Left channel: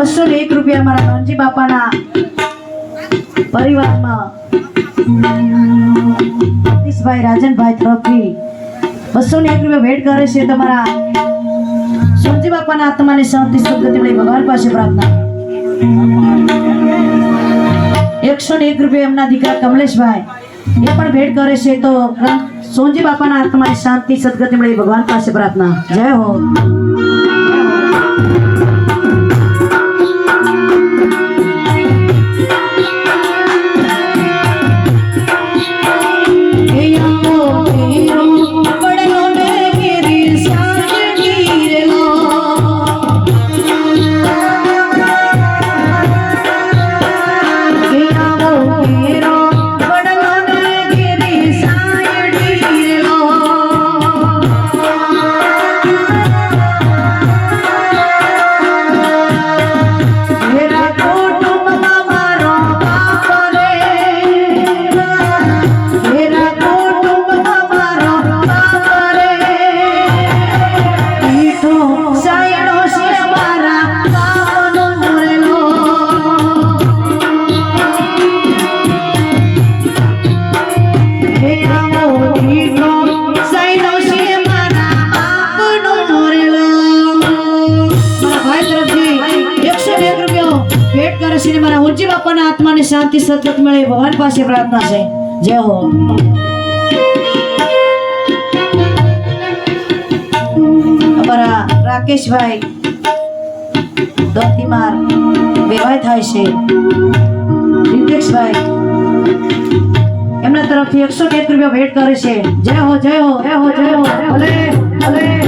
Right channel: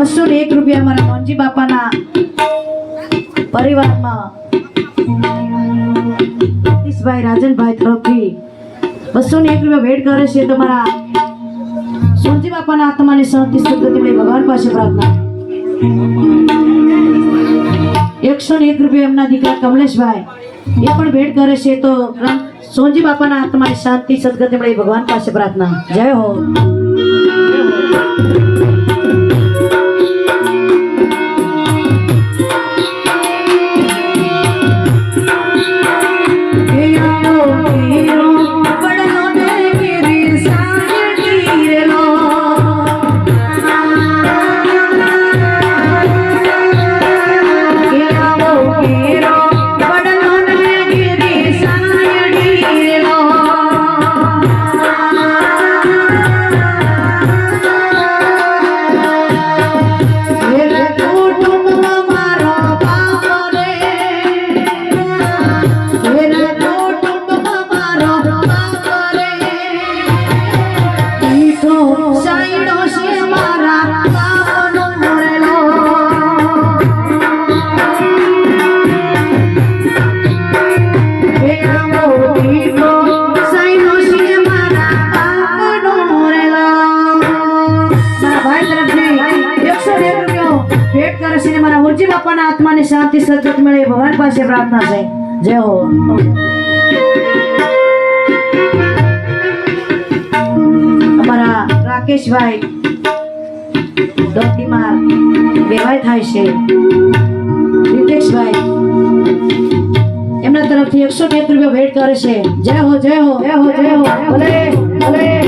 ₹201 અમારા નોનજી બાપાના પરિવારમાં સતીશભાઈ રાજનભાઈ તરફથી ₹201 ભેટ કરે છે. તમારા સોનજી બાપાના આત્માને શાંતિ સદગતિ મળે ભગવાન પાસે પ્રાર્થના. ₹101 એમના દીકરા કમલેશભાઈ એ પણ ભેટ કરે છે. તો સોનજી બાપાના આત્માને શાંતિ સદગતિ મળે ભગવાન પાસે પ્રાર્થના. જય હો. બાપાના આત્માને શાંતિ સદગતિ મળે ભગવાન પાસે પ્રાર્થના છે. જય હો. અમારા રાકેશભાઈ દોતીમાર વેવાય થાય છે. રીતેશભાઈ એમના તરફથી ₹101 ભેટ કરે છે. જય હો જય હો જય હો જય હો. ભલે ભલે.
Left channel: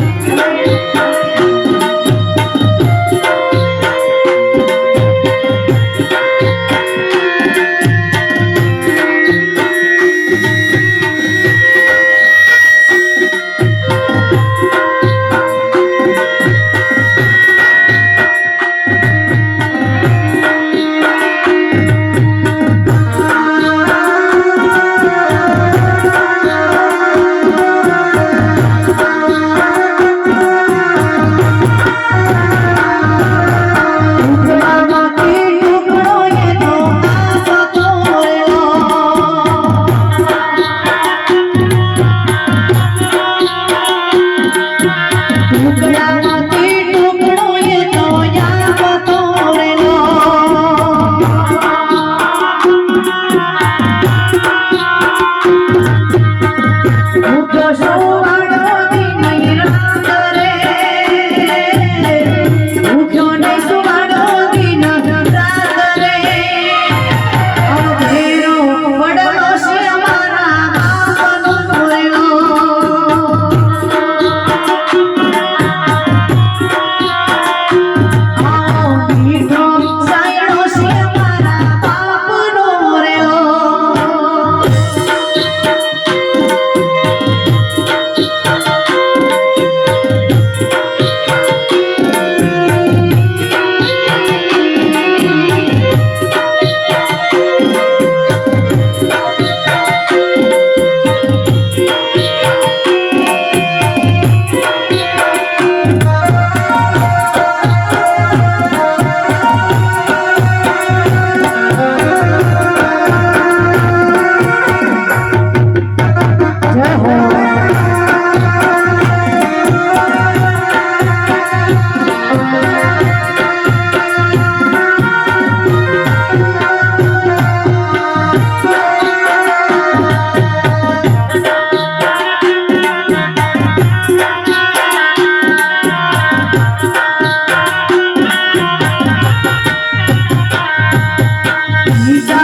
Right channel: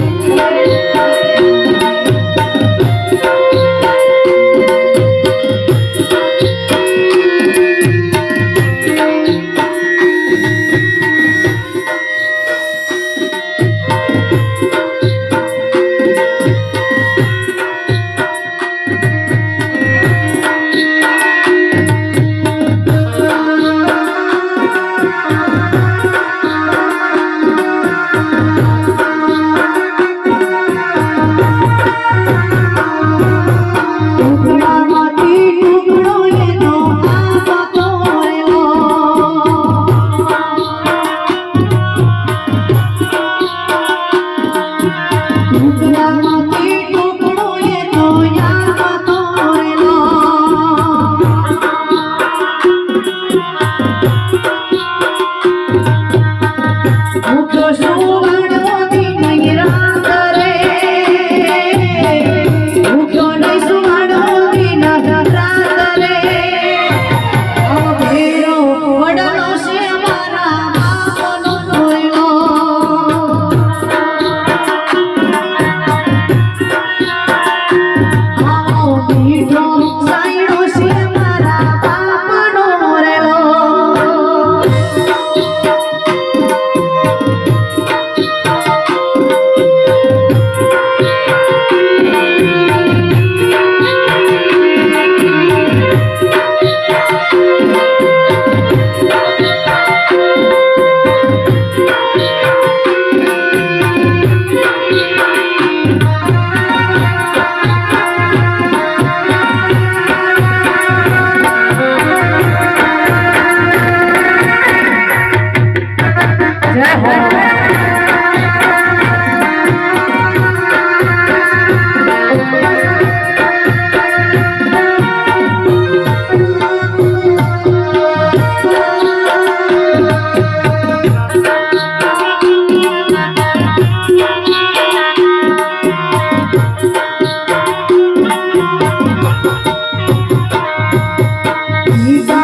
ઈ